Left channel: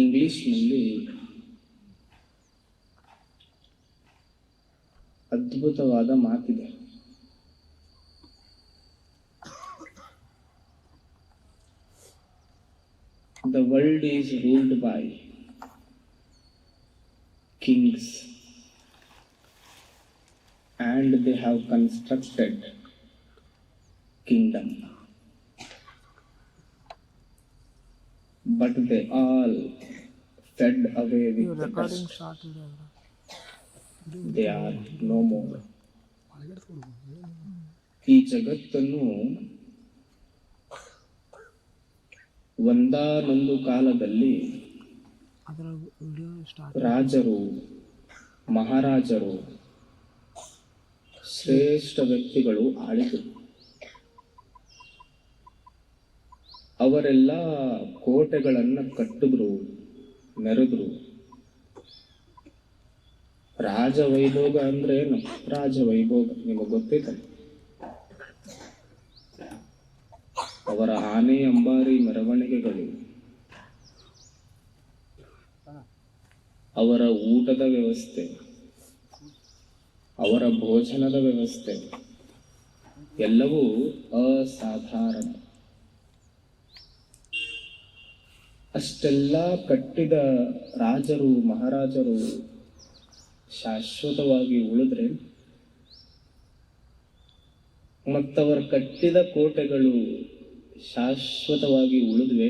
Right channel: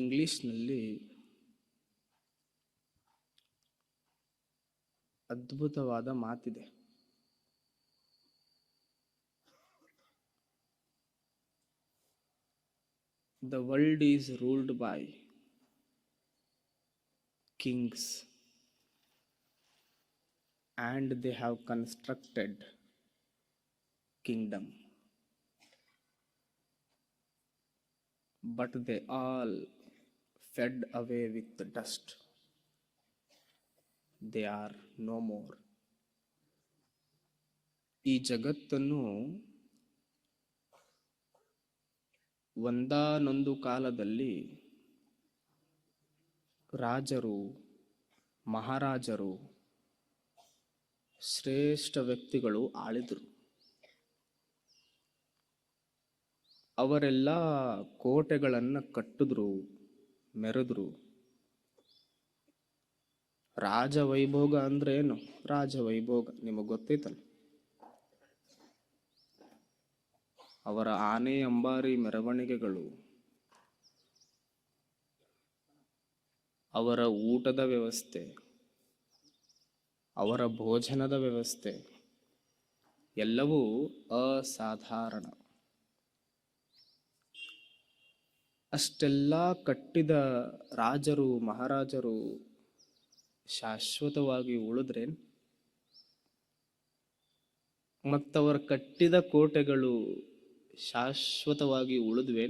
ಇಂಗ್ಲಿಷ್ನಲ್ಲಿ ಅದ್ಭುತವಾದ ಮಾತಿದೆ. The world is ruled by kings and they have constructed kingdom, but they all fed away with the dust. They are no more. ಈ ಜಗತ್ತನ್ನು ಒಂದಾನೊಂದು ಕಾಲದಲ್ಲಿ ರಾಜರು, ಮಹಾರಾಜರು, ಶ್ರೇಷ್ಠ ವ್ಯಕ್ತಿಗಳು ಆಳಿದರು. ಅವರೆಲ್ಲ ಕೋಟೆಗಳನ್ನು ಕಟ್ಟಿದ್ರು, ಮೆರೆದ್ರು. ರಾಜವೈಭೋಗ ಅಂದ್ರೆ ಏನು? ರಾಜವೈಭೋಗ ನಿಮಗೆ ಗೊತ್ತೈತಲ್ಲ. ಅವರ ಆನೆ ಅಂಬಾರಿ ಮೆರವಣಿಗೆಗಳು, ಅವರ ಊಟದ ವ್ಯವಸ್ಥೆ, ಅವರ ಭೋಜನದ ವ್ಯವಸ್ಥೆ ಎಲ್ಲವೂ ಅಸಾಧಾರಣ. ಅಷ್ಟೆಲ್ಲ ಕಟ್ಟಿದ ರಾಜರು, ಮಹಾರಾಜರು ಶಾಶ್ವತವಾಗಿ ಉಳಿದ್ರೆ, ಮತ್ತವರ ಕಟ್ಟಿದ ಕೋಟೆಗಳು ಶಾಶ್ವತವಾಗಿ ಉಳಿದ್ವೆ?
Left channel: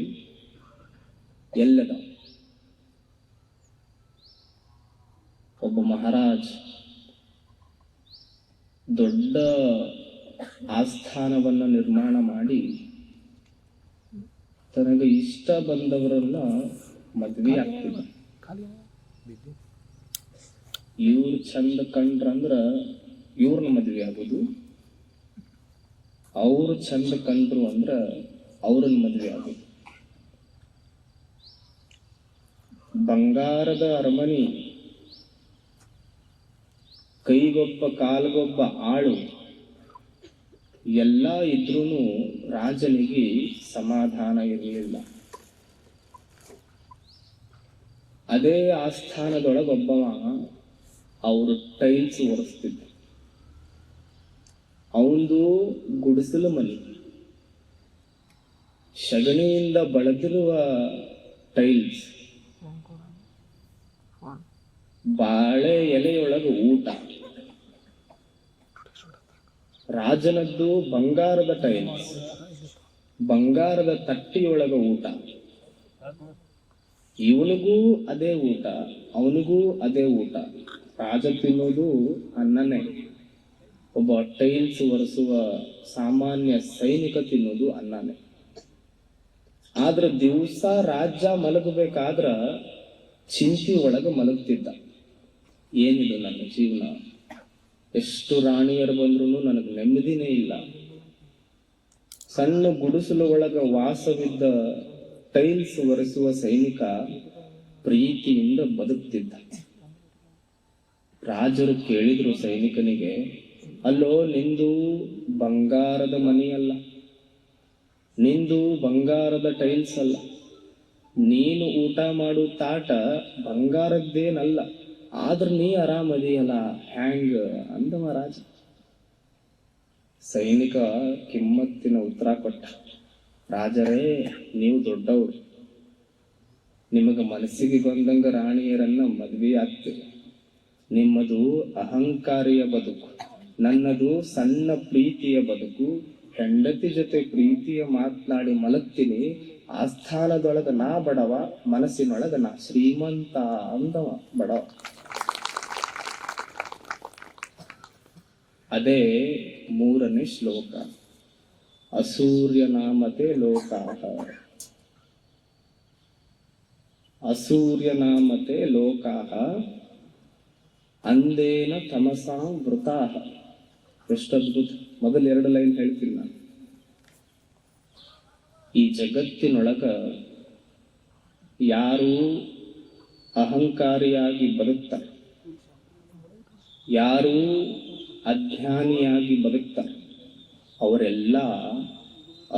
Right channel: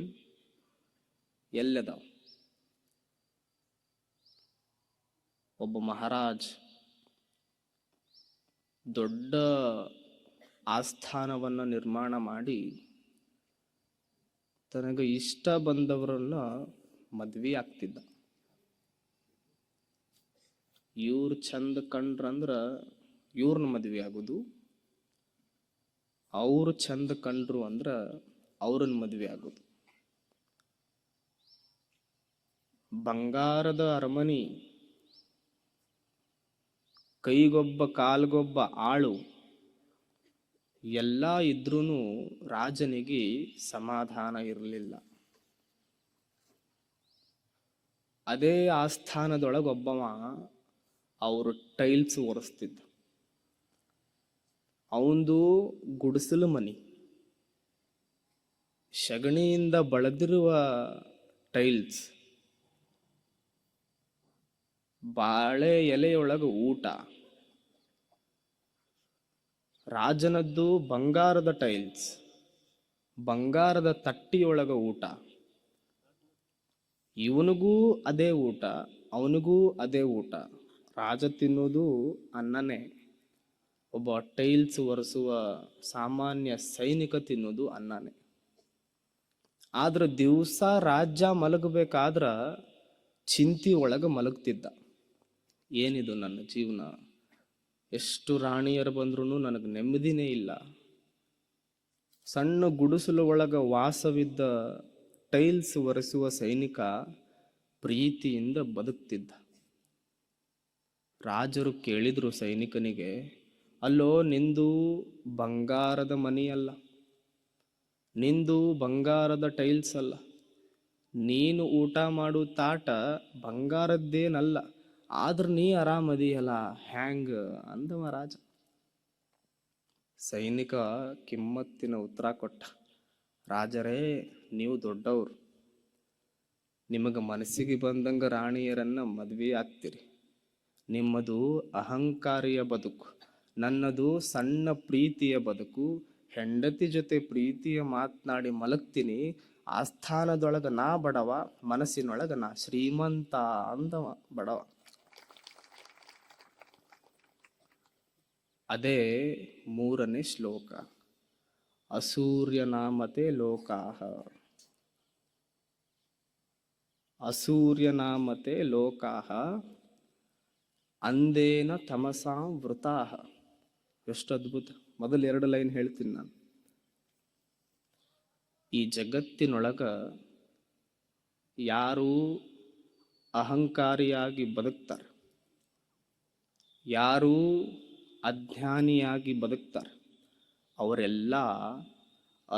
ಎಲ್ಲದ? ಒಬ್ಬ ಮಹಾರಾಜ್ ದೊಡ್ಡ ಆಸ್ಥಾನವನ್ನ ನಿರ್ಮಾಣ ಮಾಡಿ ತನಗೆ ಇಷ್ಟ ಬಂದವರನ್ನ ಮದ್ವೆ ಆಗ್ತಿದ್ದ. ಇವ್ರು ಚಂದ ಕಂಡ್ರಂದ್ರ ಇವ್ರನ್ನ ಮದ್ವೆ ಆಗೋದು, ಅವ್ರು ಚಂದ ಕಂಡ್ರು ಅಂದ್ರ ಅವ್ರನ್ನ ಮದ್ವೆ ಆಗೋದು. ಬಂಗಾರದ ಅರಮನೆ, ಕೈಗೊಬ್ಬ ಕಾಲ್ಗೊಬ್ಬ ಆಳು ಎಲ್ಲ ಇದ್ರೂ ರಾಜನಿಗೆ ಸಮಾಧಾನ ಇರಲಿಲ್ಲ. ಅದೇ ಆಸ್ಥಾನದೊಳಗೊಬ್ಬವ ಅವರು ಟೈಲ್ಸ್ ಒರೆಸ್ತಿದ್ದ. ಅವಂದು ಗುಡಿಸಲು ಮನೆ, ಶಗಣಿಯಿಂದ ಬಳದಿರುವ ಟೈಲ್ಸ್, ಬಾಳೆ ಎಲೆಯೊಳಗೆ ಊಟ. ರಾಜನದ್ದು ಬಂಗಾರದ ಟೈಲ್ಸ್, ಬಂಗಾರದ ತಟ್ಟಿಯೊಳಗ ಊಟ. ಇವನಿಗೂ ಅದೇ ಊಟ, ಅವನಿಗೂ ಅದೇ ಊಟ. ರಾಜ ತಿನ್ನೋದು ಅನ್ನನೇ, ಒಬ್ಬ ಟೈಲ್ಸ್ ಒರೆಸುವ ಸಾಮಾನ್ಯ ಸೈನಿಕ ತಿನ್ನೋದು ಅನ್ನನೇ. ಆದ್ರ ದಿವಸ ರಾಜ್ಯ ಮಲಗಬೇಕಾದ್ರ ಚಿಂತಿ ಒಳಗ ಮಲಗ್ತಿದ್ದ. ಏನಿದು ನನ್ನ ಜೀವನ, ಎಷ್ಟು ರಾಣಿಯರು ಬಂದ್ರು ನನಗೆ ನೆಮ್ಮದಿನೇ ಇಲ್ಲ. ಸಣ್ಣ ಗುಡಿಸಲು ಒಳಗ ವಾಸವಿದ್ದ ಟೈಲ್ಸ್ ಒರೆಸುವ ಸೈನಿಕ ಪ್ರೀತಿಯಿಂದ ಬದುಕ್ತಿದ್ದ. ರಾಜರು ಕೇಳಿದ್ರು ಸೈನಿಕನಿಗೆ, ಅಲ್ಲೋ ನಿಂದು ಬಂಗಾರದ ಮನೆಯಲ್ಲ, ನಿಂದು ಬಂಗಾರದ ಟೈಲ್ಸ್ ಅಲ್ಲ, ನೀನು ಊಟ ಮಾಡು ತಾಟ ಬಂಗಾರದ್ದೇನಲ್ಲ, ಆದ್ರ ನೀ ಆರಾಮದಿಯಲ್ಲ, ಹ್ಯಾಂಗ ಅಂದ ರಾಜ. ಸೈನಿಕ ಕಿಮ್ಮತ್ತಿನ ಉತ್ತರ ಕೊಟ್ಟ, ರಾಜರೇ ನೀವು ದೊಡ್ಡವರು, ನಿಮಗ ಮನಸ್ಸಿಗೆ ಬಂದಂಗ ರಾಣಿಯರನ್ನ ಮದ್ವೆ ಆಗ್ತೀರಿ. ನಿಮ್ಮದು ಅಹಂಕಾರಿಯ ಬದುಕು, ನನ್ನದು ಸಣ್ಣ ಪ್ರೀತಿಯ ಬದುಕು. ಹೆಂಡತಿ ಜೊತೆ ಪ್ರೀತಿಯ ಮಾತನಾಡಿ ಮಲಗ್ತೀನಿ, ಆಸ್ಥಾನದೊಳಗ ನಾ ಬಡವ, ಮನಸ್ಸಿನೊಳಗ ನಾ ಶ್ರೀಮಂತ ಅಂದವ ಬಡವ. ಅದೇ 3ನೇ ಶ್ಲೋಕ. ಅಸೂರ್ಯ ನಾಮತೆ ಲೋಕಾಹ, ಅಸೂರ್ಯ ನಾಮತೆ ಲೋಕಾಹ ಅಂದೇನ ತಮಸಾಂ ವೃತಾಹ. ಎಷ್ಟು ಅದ್ಭುತ. ಮೊದಲ 2 ಲೈನ್ ಹೇಳ್ತೀನಿ ನಾನು. ಈ ಜಗತ್ತಿನೊಳಗ ಯಾರು ಅಹಂಕಾರಿಯಾಗಿ ಬದುಕ್ತಾರೆ, ಯಾರು ಅಜ್ಞಾನಿಯಾಗಿ ಬದುಕ್ತಾರೆ, ಅವರೆಲ್ಲ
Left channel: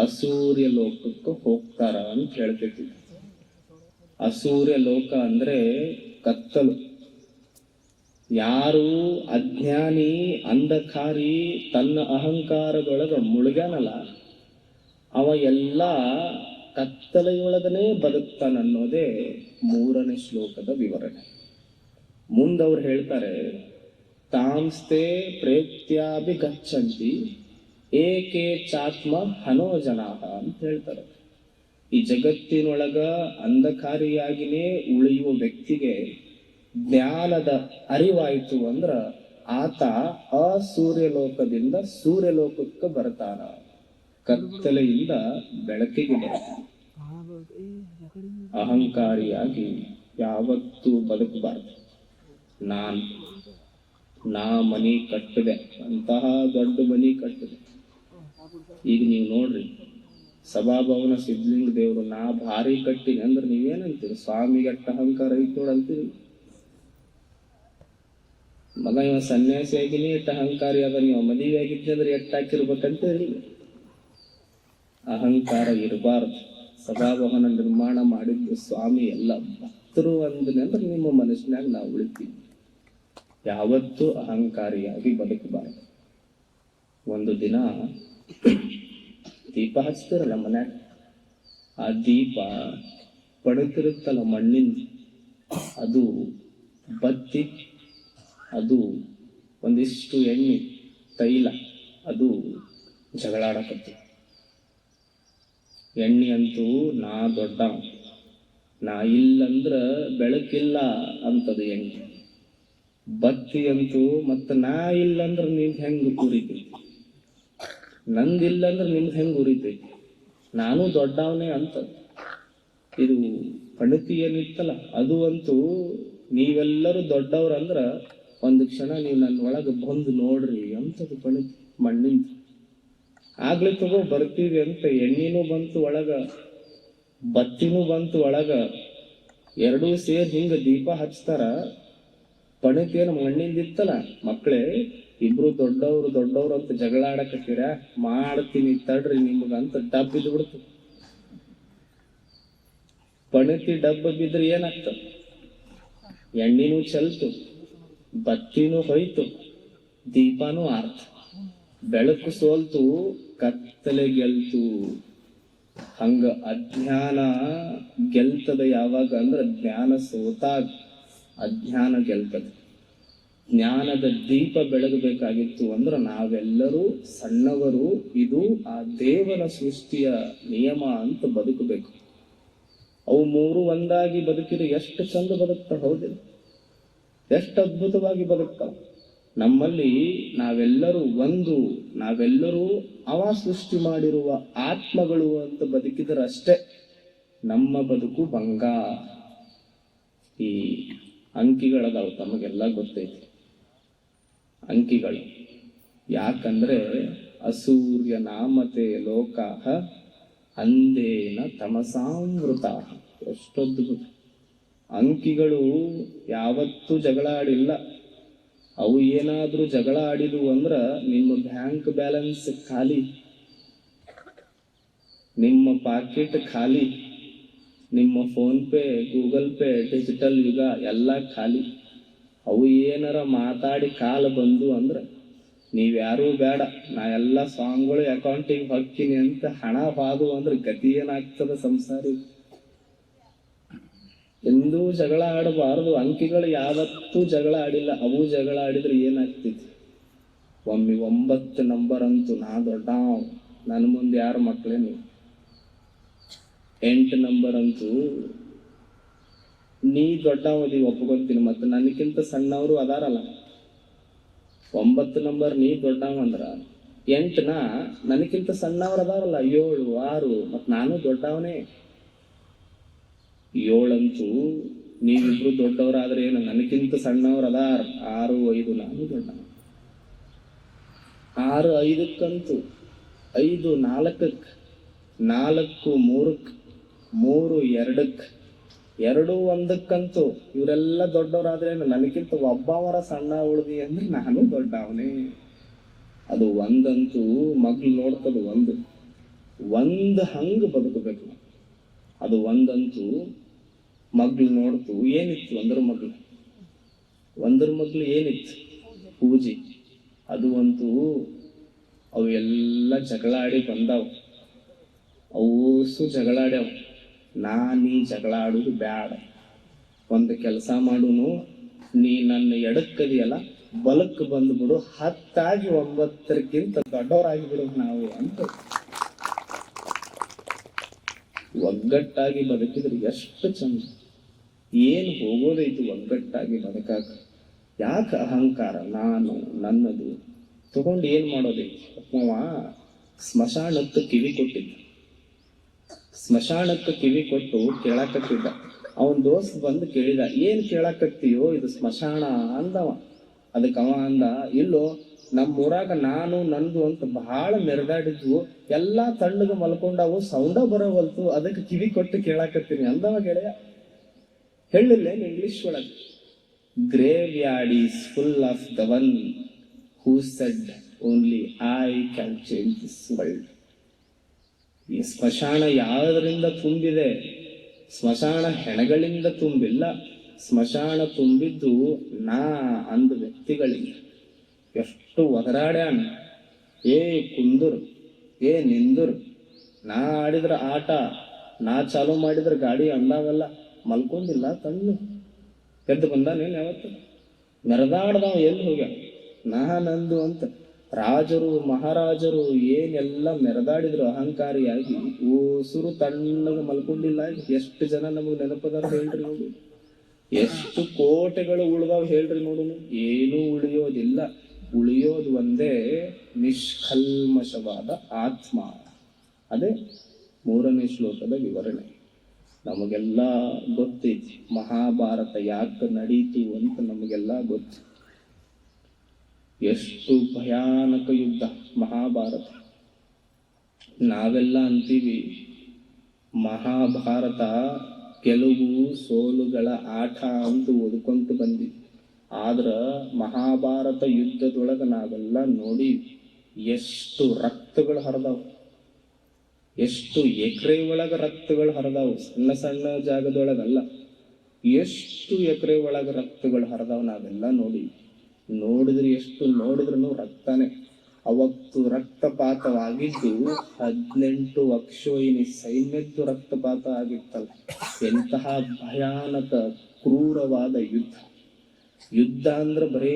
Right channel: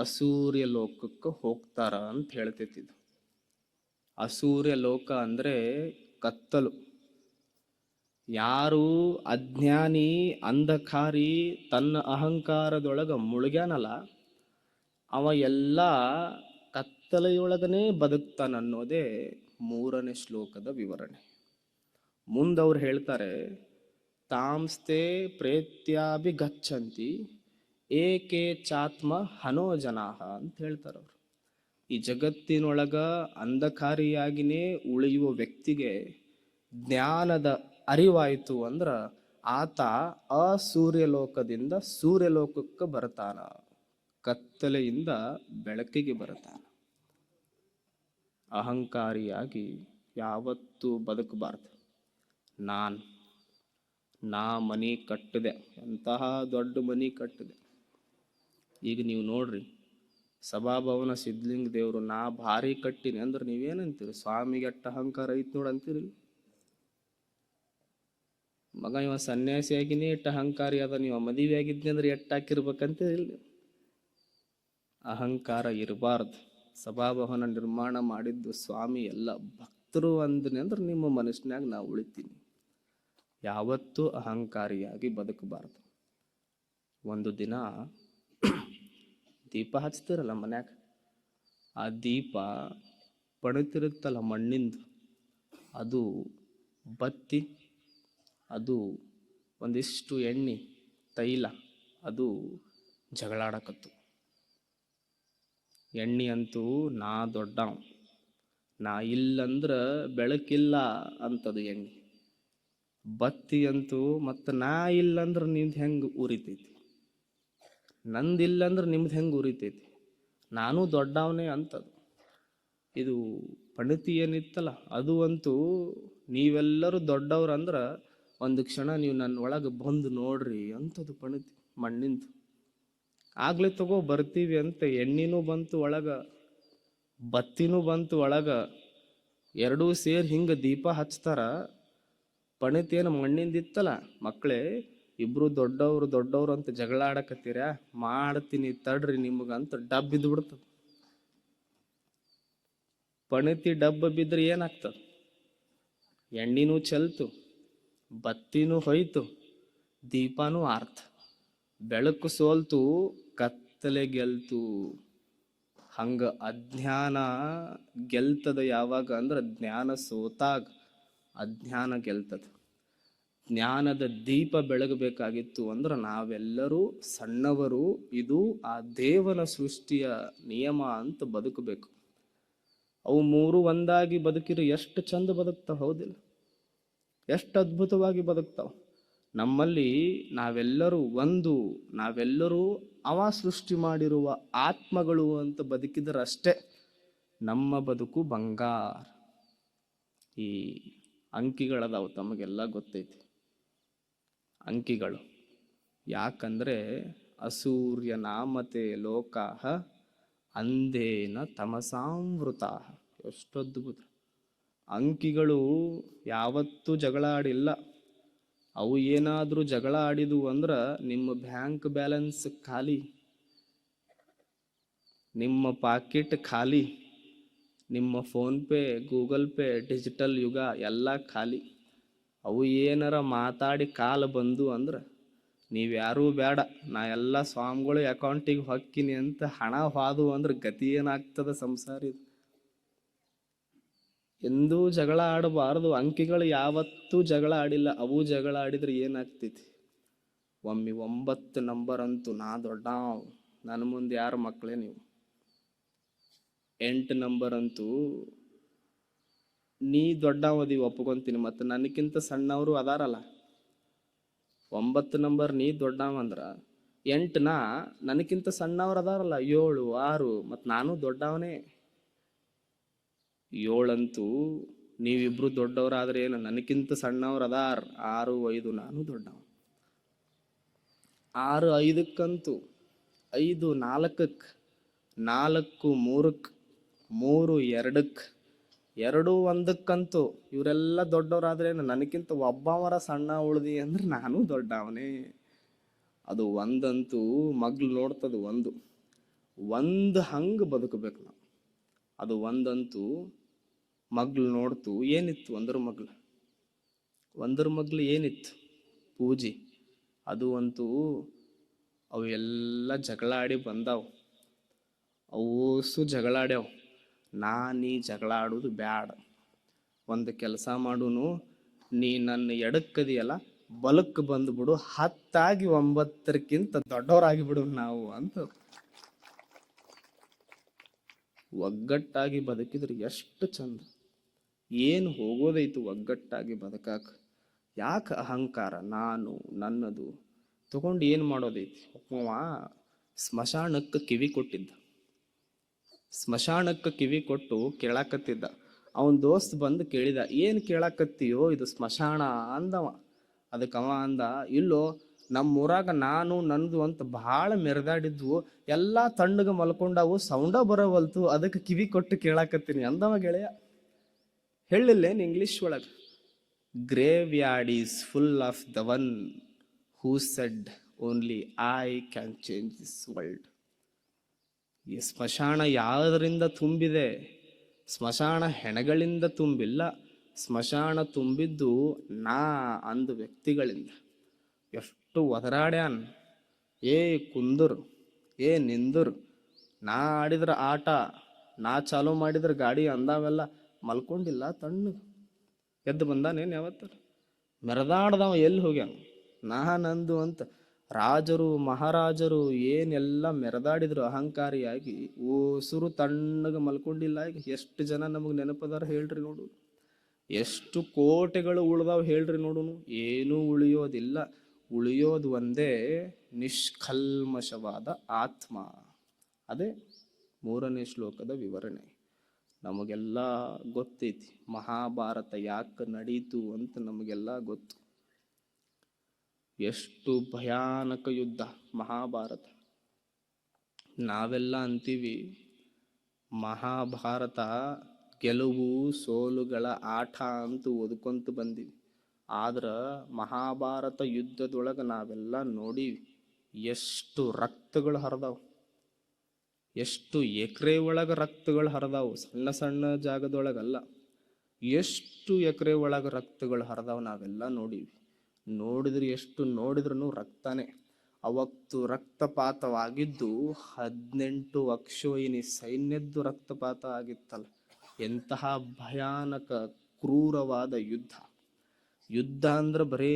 ಅಸೂರ್ಯ ಲೋಕಕ್ಕೆ ಹೋಗ್ತಾರ ಅಂತ ಹೇಳ್ತಿದ್ರು. ಅಸೂರ್ಯ ಲೋಕ ಅಂದ್ರೆ ಕತ್ತಲು. ಯಾರು ಅಜ್ಞಾನಿ ಅಂಧಕಾರಿ ತನ್ನ ಅಹಂಕಾರದೊಳಗ ಮುಳುಗ್ಯಾನಲ್ಲ, ಅವ ಎಲ್ಲ ಕತ್ತಲೆಯೊಳಗನೆ ಬದುಕ್ತಾನನ್ನೋದೇ 3ನೇ ಶ್ಲೋಕದ ವಿವರಣೆ. ಮುಂದವ್ರು ಹೇಳ್ತಾರೆ, ತಾಂಸ್ತೆ ಪ್ರೇತ್ಯಾಭಿಗಚ್ಚಂತಿ ಏಕೆ ಚಾತ್ಮ ಹನೋ ಜನಾಹ ಅಂತ ಹೇಳ್ತಾರೆ. ಈ ಜಗತ್ತಿನೊಳಗ ಅಂಧಕಾರಿಯಾಗಿನೇ ಉಳಿಯುವ ವ್ಯಕ್ತಿಗೆ ಜ್ಞಾನದ ಅರಿವಾಯಿತು ಅಂದ್ರ ಆತ ಅಸೂರ್ಯ ಲೋಕದಿಂದ ಸೂರ್ಯಲೋಕಕ್ಕೆ ಬರ್ತಾನ, ಕತ್ತಲೆಯಿಂದ ಬೆಳಕಿಗೆ ಬರ್ತಾನ. ಅಹಂಕಾರಿಯಾಗಿ ಯಾವತ್ತೂ ಬದುಕಬಾರದು. ನಾ ಮನಿ ಕಟ್ಟಿದೆ, ಅಂತಹ ದೊಡ್ಡ ಮನಿ ಕಟ್ಟಿದೆ. ಈಗ ನೀವು ನೋಡ್ರಿ, ಸಭಾಭವನ ಸಿದ್ಧಲಿಂಗ ದೇವರು ನಾ ಭಾರಿ ಕಟ್ಟಿನಿ ಅಂದ್ರೆ ನೀವೇನಂತೀರಿ? ಸ್ವಾಮಿಗೆ ಅಟ್ಟ ಅಹಂಕಾರ ಐತ್ ನೋಡಂತೀರಿ. ಮಗ ಇವ ಸನ್ಯಾಸಿ ಆಗಿನಿ ಎಟ್ಟ ಅಹಂಕಾರಿ ಅದ, ನೀವು ಮದುವೆ ಆಗಿದ್ನಿ ಅಂದ್ರೆ ಎಟ್ಟ ಹಾಕಿರ್ಬೇಕಂತ ಹೇಳಿ. ಅಹಂಕಾರ ಇರಬಾರ್ದು. ಸಭಾಭವನ ನಿರ್ಮಾಣ ಮಾಡಿದ್ದು ಸ್ವಾಮಿ, ಎಲ್ಲ ಭಕ್ತರು ಅಂದನೆ ಅಂದ್ರೆ ನಿಮ್ಮ ಮನಸ್ಸಿನಾಗ ನಾವು ಉಳಿತೀವಿ. ಯಾವತ್ತೂ ಅಹಂಕಾರಿಯಾಗಿ ಬದುಕಬಾರದು. ಒಂದು ದಿನ ದೀಪ ಹಚ್ತಿರಲ್ಲ ಮನ್ಯಾಗ, ಆ ದೀಪ ಪಡುತ್ತಿರುತ್ತಲ್ಲ ಮಣ್ಣಿಂದ, ಅದು ಬತ್ತಿ, ಅದು ಒಂದಿಷ್ಟು ಎಣ್ಣೆ ತೈಲ ಅದು ಜಗಳಾಡಕತ್ತು. ಎಣ್ಣೆ ಅಂತೂ ನಾ ದೊಡ್ಡವ, ನಾ ಇಲ್ಲಂದ್ರ ಬೆಳಕಿಲ್ಲ ಅಂತದು ಎಣ್ಣೆ. ಬತ್ತಿ ಅಂತೂ ಮತ್ತ ನಾ ಇಲ್ಲಂದ್ರ ನಿಮ್ದು ಹೆಂಗ್ ಉರಿತೈತಿ, ನಂದಿಲ್ಲಂದ್ರ ನಿಮ್ದು ಹೆಂಗ್ ಉರಿತೈತಿ, ನಾನು ದೊಡ್ಡವನೇ ಅಂತ. ಇದು ಪಣತಿ ಏನಿತ್ತಲ್ಲ ಅದು ಅಂತೂ, ನೀವೆಲ್ಲರೂ ದೊಡ್ಡವ್ರಂದ್ರ ಒಂದು ಕ್ಷಣ ನೀವು ನನ್ನ ಒಳಗೆ ಬಂದು ನೋಡ್ರಿ ಅಂತದು ಪಣತಿ ಮಣ್ಣಿಂದ. ಆಗ್ಲೇ ತಗೋ ಬರ್ತೀವಿ ಅಂತ ಎಣ್ಣಿನೂ ಬಂತು ಒಳಗ, ಬತ್ತಿನೂ ಬಂತು ಒಳಗ, ಎರಡೂ ಸೇರಿ ಹಿಂಗ ದೀಪ ಹಚ್ತಾರ. ಪಣತಿಯರು ಮಣ್ಣಿಂದ ಇತ್ತಲ್ಲ, ಮಕ್ಕಳೇ ಇಬ್ರು ದೊಡ್ಡವ್ರು ಅಂತ ಜಗಳ ಆಡಕತ್ತೀರ, ಮಾಡ್ತೀನಿ ತಡ್ರಿ ನಿಮ್ಗಂತ ಡಬ್ ಬಿದ್ದು ಬಿಡ್ತು. ಪಣತಿ ಡಬ್ಬ ಬಿದ್ರೆ ಏನಾಗ್ತದ? ಎಣ್ಣಿನೂ ಚೆಲ್ತು, ಬತ್ತಿನೂ ಹೋಯ್ತು, ದೀಪಾನೂ ಆರ್ತು. ಬೆಳಕು ಸೋಲ್ತು, ಕತ್ತಲೆ ಗೆಲ್ತು. ಹಂಗ ಅಜ್ಞಾನ ಗೆಲ್ತದ ಯಾವಾಗ ಅಂದ್ರ ಜ್ಞಾನ ಸೋತಾಗ ಅಜ್ಞಾನ ಗೆಲ್ತದೆ. ಜ್ಞಾನದ ದೀಪ ಬೆಳಗಬೇಕಾಗಿತ್ತು ಅಂದ್ರ ನಾವೆಲ್ಲರೂ ಸಣ್ಣವರು. ಇದು ಆ ದೇವರ ಸೃಷ್ಟಿಯ ನಿಯಮ ಅಂತ ಬದುಕಬೇಕು. ಅವು ಮೂರು ಒಂದಾಗಿ ಬದುಕಿದ್ರೆ ಎಷ್ಟು ಚಂದ ಬದುಕ್ತಾವ, ಹೌದಿಲ್ಲ? ಎಷ್ಟು ಅದ್ಭುತವಾಗಿ ಬದುಕ್ತಾವ. ನಮ್ಮಲ್ಲಿ ನಾವೆಲ್ಲರೂ ಅವ ಸೃಷ್ಟಿ ಮಾಡಿರುವ ಆತ್ಮಗಳು ಅಂತ ಬದುಕಿದ್ರೆ ಅಷ್ಟೇ ನಮ್ಮ ಬದುಕು ಬಂಗಾರ. ಈ ಅಂಕಿಗಳದಾವ, ತಮಗೆಲ್ಲ ಗೊತ್ತೈತಿ ಅಂಕಿಗಳು. ಯಾಕಂದ್ರೆ ಅಸೂರ್ಯ ನಾಮತೆ ಲೋಕಾಹ ಅಂದೇನ ತಮಸಾಮೃತ. ಎಷ್ಟೊಂದು ಅಂಕಿಗಳು ಯಾವತ್ತೂ ಜಗಳ ಆಡಿಲ್ಲ. ಅವು ಏನಾದ್ರೂ ಜಗಳ ಆಡಿದ್ವು ಅಂದ್ರ ನಿಮ್ಮ ಬ್ಯಾಂಕ್ ಬ್ಯಾಲೆನ್ಸ್ ಖಾಲಿ, ನಿಮ್ಮ ಪಾಕೆಟ್ ಖಾಲಿ, ನಿಮ್ಮ phone pay, Google pay, digital ಯುಗ ಎಲ್ಲ ಖಾಲಿ. ಅವು ಏನಾರ ಮಾತಾಡಿ ಕಾಲ ಬಂದು ಅಂದ್ರ ನೀವ್ಯಾರೂ ಬೇಡ, ನಾ ಎಲ್ಲ ಸ್ವಾಮಿಗಳು ಅಕೌಂಟಿಗೆ ಹೊಕ್ಕಿನಿ ಅಂತ ಹಣ ಬಾದು ಅಂದ್ರೆ ಗತಿ ಏನಾಗ್ತದ ಸಂಸಾರಿ? ಎಂದೂ ಜಗಳ ಆಡಬಾರದು. ಅಂಕಿಗಳು ಯಾವತ್ತೂ ಜಗಳ ಆಡಿಲ್ಲ. ಅವು ಜಗಳ ಆಡಿದ್ರೆ ಏನಾಗ್ತೈತಿ? ಒಮ್ಮೆ 9 ನಂಬರ್ ಅಂತೂ ನಾ ದೊಡ್ಡವ, ನನ್ನ ಮುಂದೆ ಯಾರು ಮಕ್ಕಳೇನು. 8 ನಂಬರ್ ಅಂತೂ ನೀ ದೊಡ್ಡವದಿ ಒಪ್ಕೊಂತೀನಿ, ಮತ್ತೆ ನನಗಿಂತ ಸಣ್ಣವರು ಅದಾರಲ್ಲ. 9 ನಂಬರ್ ನೀ ದೊಡ್ಡವ ಅಂದ್ರ 8 ನನಗಿಂತ ಸಣ್ಣವ್ರು ಅದಾರಲ್ಲ, 7, 6, ಮತ್ ನಾನು ದೊಡ್ಡವನೇ. 7 ಅಂತೂ ನೀವಿಬ್ರು ದೊಡ್ಡವರಾದ್ರೆ ಏನು, ನನಗಿಂತ ಸಣ್ಣವ್ರು ಅದಾರ 6, 5 ನಾನು ದೊಡ್ಡವ. 6, 5ಕ್ಕಂತೂ 5, 4ಕ್ಕೆ, 4, 3ಕ್ಕೆ, 3, 2ಕ್ಕೆ, 2, 1ಕ್ಕಂತೂ ಇವರೆಲ್ಲ ದೊಡ್ಡವರಾದ್ರೇನು, ನನಗಿಂತ ಒಬ್ಬವರ ಸಣ್ಣ ಉಳಿದಿ ಅಂದ್ರೆ ನಾನು ದೊಡ್ಡವನೇ. ಅದು ಒಂದಂತೂ ಮಗ್ಳು ನೋಡ್ತದ, ಒಂದು ಹಂಗ ಬದುಕಬೇಕು ನಾವು. ಅದು ಒಂದಂತೂ ಮಗ್ಳು ನೋಡ್ತು, ಏನಿತ್ತು ಒಂದ್ರ ಮಗ್ಳು ಏನಿತ್ತು? ಪೂಜೆ. ಅದು ಅಂತೂ ಅವೆಲ್ಲ ಜಗಳಾಡಿ ಬಂದಾವ್, ಅವಸು ಜಗಳಾಡ್ಯಾವ. ನಾನೀ ಜಗಳ ಆಡುದು ಬ್ಯಾಡ, ಒಂದು ಕೆಲಸ ಮಾಡುನು, ನೀ ನನ್ನ ಎಡಕ್ಕದಿಯಲ್ಲ ಬಲಕ್ಕೆ ಬಂದ್ಬಿಡು, 10 9ಕ್ಕಿಂತ ದೊಡ್ಡವರಾಗಿ ಬಿಡು ನಾವು ಅಂತ. ಒಗ್ಗಟ್ಟಾಗಿ ಬದುಕಿದ್ರೆ ಎಷ್ಟು ಚಂದ. ಏನು ಹೋಗೋದೈತು ಒಗ್ಗಟ್ಟಾಗಿ ಬದುಕಾಕ? ಯಾಕೆ ಅಹಂಕಾರ, ನಾನು ನನ್ನದು ತಗೊಂಡು ಏನ್ ಮಾಡೋದೈತಿ? ಅವ ಸ್ಮಶಾನಕ್ಕೆ ಕಿವಿ ಕೊಟ್ಟಿದ್ದ. ಸ್ಮಶಾನಕ್ಕೆ ಕಿವಿ ಕೊಟ್ಟು ಕೇಳಾಕತ್ತಿದ್ದ. ಅವನ್ ದೋಸ್ತ್ ಬಂದು ಕೇಳಿದ, ಏನ್ ಕೇಳಾಕತ್ತೀಯೋ, ಇದು ಸ್ಮಶಾನ ಅಂದವ. ಅದಕ್ಕೆ ಅವ ಅಂದ, ಇಲ್ಲೋ ನಮ್ಮೂರಾಗ ನಾನು ನಂದು ಅಂತ ಬಹಳ ಮೆರೆದಾಡಿದ್ವು, ಎಲ್ಲಾ ತಣ್ಣಗೆ ಮಲ್ಕೊಂಡಾವು, ಸೌಂಡ ಬರೋವಲ್ತು, ಅದಕ್ಕೆ ಕಿವಿ ಕೊಟ್ಟು ಕೇಳಾಕತ್ತೀನಿ ಅಂದವ ಗೆಳೆಯ. ಹೇಳಿಲ್ಲೇನು ಇಂಗ್ಲಿಷ್ ಒಳಗೆ? Grave yard is full of the one who said only I can change this world. ಈ ಸ್ಮಶಾನ ಯಾವುದರಿಂದ ತುಂಬಿದೆ? ಸ್ಮಶಾನ ಹೆಣಗಳಿಂದ ತುಂಬಿಲ್ಲ, ಸ್ಮಶಾನ ತುಂಬಿದ್ದು ನಾ ಅಂದ ವ್ಯಕ್ತಿಗಳಿಗೆ. ಎಷ್ಟು ಒದರಾಡ್ಯಾನ, ಏ ಕುಂದರು, ಏ ನಿಂದರು, ನಾ ಆಡಿದ್ರ ಆಟ, ನಾ ಚಾಲು ಮಾಡಿದ್ರ ಗಾಡಿ ಅಂದಾವೆಲ್ಲ ಮಲ್ಕೊಂಡಿಲ್ಲ, ತಣ್ಣು ಎದ್ದು ಬಂದಾನೇನು ಯಾವತ್ತು? ಮೆರೆದಾಡ್ದವ ಎಲ್ಲಿ ಹೋಗ್ಯಾವ? ನಾನಂದು ಅಂತ. ರಾಜರು ಮಹಾರಾಜರು ಏನೆಲ್ಲ ಮೆರೆದಾಡಿದ್ರು ಅಹಂಕಾರಿಯಾಗಿ, ಉಸುರು ತಣ್ಣಗೆ ಮಲ್ಕೊಂಡಿಲ್ಲ. ಎಷ್ಟು ಜನ ನಮಗೆ ನೆನಪದಾರ ಹೇಳ್ರಿ ನೋಡು, ಎಷ್ಟು ಕೋಟೆಗಳು ಉಳ್ದಾವ್ ಹೇಳ್ರಿ ನೋಡು. ಏನೂ ಉಳಿಯೋದಿಲ್ಲ, ಉಳಿಯೋದು ಒಂದೇ ನಿಷ್ಕಲ್ಮಶವಾದ ಆತ್ಮ. ಅದೇ 3ನೇ ಶ್ಲೋಕದ ವಿವರಣೆ. ನಮಗೆಲ್ಲ ಗೊತ್ತೈತಿ ಮಹಾಭಾರತ ಯಾಕೆ ನಡೀತು ಅಂತ, ನಮಗೆಲ್ಲ ಗೊತ್ತು. ಎಷ್ಟು ಭಯಾನಕ ಯುದ್ಧ ಮಹಾಭಾರತ. ನಾವೆಲ್ಲ ಅಂತೀವಿ ಮಹಾಭಾರತ ಗೆಲುವು ಸೋಲುಗಳ ಆಟ ಅಂತ ಓದ್ಕೊಂತ ಬಂದಿವಿ. ಆದ್ರ ಮಹಾಭಾರತ ಯುದ್ಧದೊಳಗ ನಾವೆಲ್ಲ ನೋಡಿ ಎಷ್ಟು ರಕ್ತಗಳು ಹರಿದಾವ್, ಎಷ್ಟು ಎಕರೆ ಒಳಗ ರಕ್ತಗಳು ಹರಿದಾವ್. ಸಣ್ಣ ಸಣ್ಣ ಜಾಗದೊಳಗಲ್ಲ, ಎಷ್ಟು ಎಕರೆ ಒಳಗ ರಕ್ತಗಳು ಹರಿದಾವ್ ನಾವೆಲ್ಲ ನೋಡಿ. ನೋಡಿದ್ರೆ ಎಷ್ಟು ನೋಡಿದ್ರು ರಕ್ತನೇ. ಅವತ್ತು ರಕ್ತಪಾತವಾಗಿದ್ದು 18 ಅಕ್ಷೋಹಿಣಿ ಸೈನ್ಯದ್ದು ರಕ್ತಪಾತ ಆಗಿತ್ತಲ್ಲ. ಎಂತಹ ಭಯಾನಕ ಕ್ರೂರವಾದ ಯುದ್ಧ. ಯುದ್ಧ ಅಂದ್ರೆ ಬರೀ